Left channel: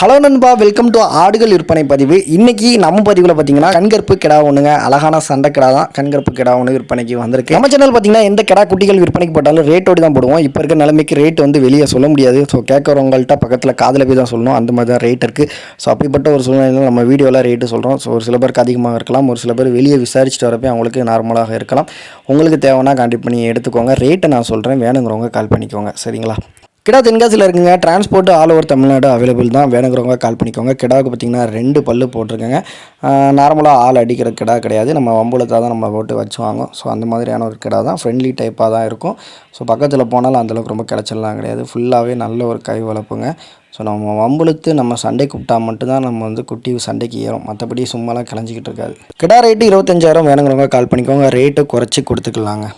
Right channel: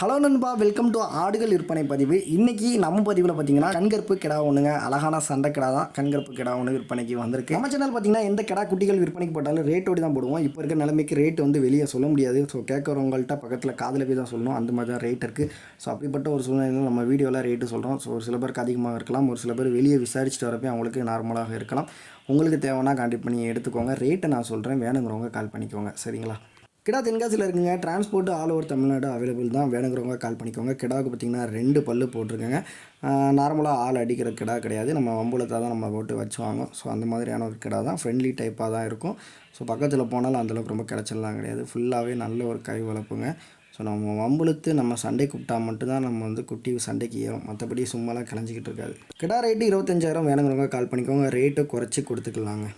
Hello நண்பா welcome to ஆடுகள் விற்பனை பதிவு. இன்னைக்கு நம்ம பதிவில் பார்த்தீங்கன்னா கண்கற்பு கிடா ஒன்றுங்க அழகான சண்டை கிடா தான். கண்கற்பு கிடா ஒன்று விற்பனைக்கு வந்திருக்கு. நம்ம சேனல் பார்த்தீங்கன்னா எந்த கிடா குட்டிகள் விற்பனைக்கு போட்டாலும் ரேட்டோடு தான் போடுவோம். இப்போ இருக்க நிலைமைக்கு ரேட் வந்து வெளியே சொல்ல முடியாது. ஸோ கேட்குறவங்கள்ட்ட பக்கத்தில் காதில் போய் தான் சொல்லணும். அந்த மாதிரி தான் ரேட் இருக்குது ஸோ அப்படிப்பட்ட ஒரு சூழ்நிலையில் நம்ம வீடியோவில் ரேட்டு சொல்கிறோம் ஸோ ஒரு சில பேருக்கு அதிகமாக இருக்கலாம். ஒரு சில பேர் வெளியே விசாரிச்சுட்டு வரப்போ அவங்களுக்கு நார்மலாக இருக்கலாம். உங்களுக்கு தேவைன்னா கான்டாக்ட் பண்ணி எடுத்துக்கோங்க. ரேட்டை நான் சொல்கிறேன் வேணுங்கிறவங்க கால் பண்ணிக்கோங்க. சரிங்களா? கிடா தென்காசியில் இருக்குங்க. Transport all over Tamil Nadu available தான். வேணுங்கிறவங்க கால் பண்ணிக்கோங்க. கிடாவுக்கு பார்த்தீங்கன்னா ரெண்டு பல்லு போட்டிருக்கேங்க. நார்மலாக ஆள் அடிக்கிற கிடா கிடையாது. நம்ம வம்புலத்தாக தான் நம்ம போட்டு வச்சு வாங்கும் ஸோ அந்த மாதிரியான ஒரு கிடா தான். ஃப்ரெண்ட்லி டைப்பாக தான் இருக்கும். ஸோ பக்கத்தில் போனாலும் அந்தளவுக்கு ரொம்ப கிடச்சல்லாம் கிடையாது. ஃபுல்லாகவே நல்ல ஒரு கை வளர்ப்புங்க. ஸோ நம்ம வம்புழுத்து நம்ம சண்டை கூப்பிட்டா மட்டும்தான் நம்ம வந்து குட்டி சண்டைக்கு ஏறும். மற்றபடி சும்மாலாம் கிளஞ்சிக்கிட்டு இருக்காது. கிடா ரேட்டு இருபத்தஞ்சாயிரம் வேணுங்கிறவங்க கால் பண்ணிக்கோங்க. ரேட்டு குறைச்சி கொடுத்துக்கலாங்க.